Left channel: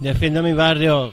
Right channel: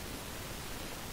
Defiendo mi barrio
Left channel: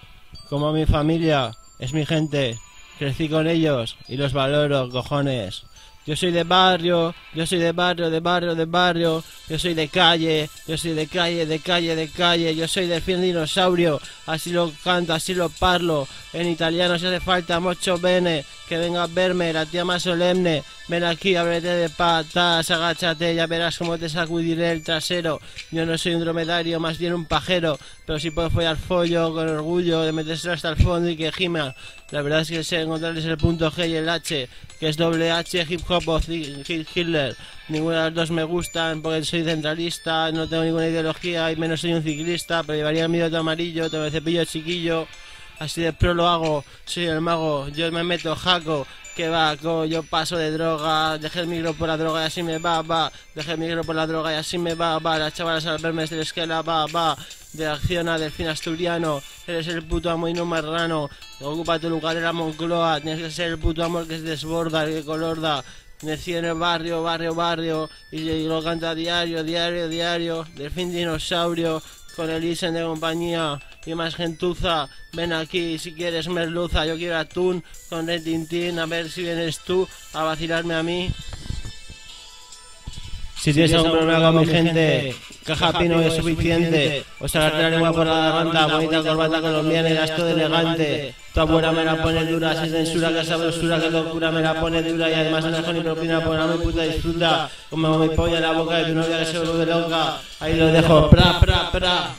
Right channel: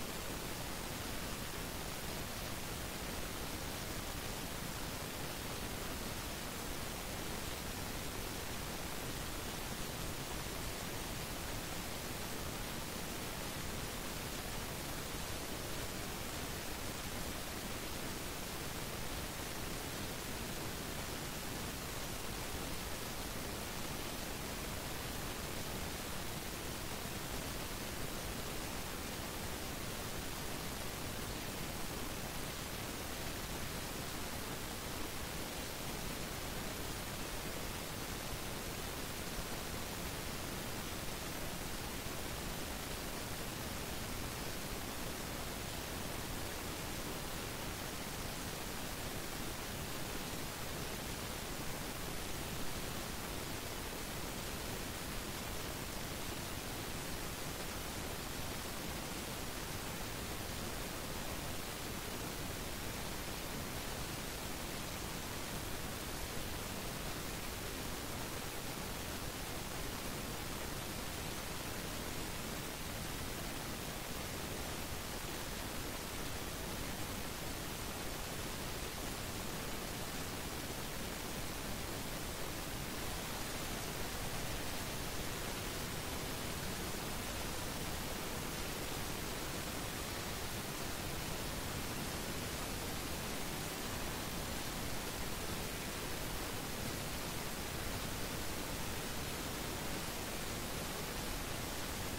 como mi familia, es mi gente. Crecí con ellos y los valoro, cojones. Yo soy de barrio, yo soy de barrio, de barrio, de barrio. Yo soy de calle, yo soy de calle, de calle, de calle. Yo soy del fiel dinosaurio, así lo canto, así lo parlo. En italiano si hace falta mucho bene. Que venga a verme, la tía más solemne. Ven aquí, ábrete de patas, agáchate, ya verás cómo te sacudiré el trasero. Yo no soy un dromedario, más bien un pajero. Pero si puedo follar follo con orgullo de metérselo hasta el fondo y que gima. La verdad es que sé encontrarles el punto G y el H, que es doble H, hip hop o Hitler. Ninguna de las dos me gustan porque soy centralista, no tengo ninguna ideología y menos soy un ciclista, pero llevaría el mío de amarillo, te me cepillo chiquillo, así de pro lo hago, soy el mago, yo me meto jaco, que va, yo paso de droga, dejé el micro por la droga y así me va, dejé el micro por la droga y así me va, las chavalas al verme desde la esquela, de acción a delfín asturiano, eres el puto amo y no marrano, ocupa tu lugar en la Moncloa, tienes que ser el puto amor que se desborda, el que colorda. Nací en el barrio, barrio, barrio, y lo canta diario, diario, diario. Delfín dinosaurio, con el Isen de compañía y más gentuza. Ven aquí si quieres merluza, yo quiero atún con el Tintín, a ver si vienes tú a vacilarme a mí. Si tienes algún problema con mi gente, caja pino es suficiente. O sacarte la lengua por la garganta, bonita corbata colombiana y gasto de elegante. Tu abuela me la pone dura, sin censura, que sabrosura, que locura me la pone dura. Y además no dejo ni propina, por la mi puta disfruta. Como mi polla en la boca de tu novia que se vuelve loca. Ahí lo dejo, pra, pra, pra.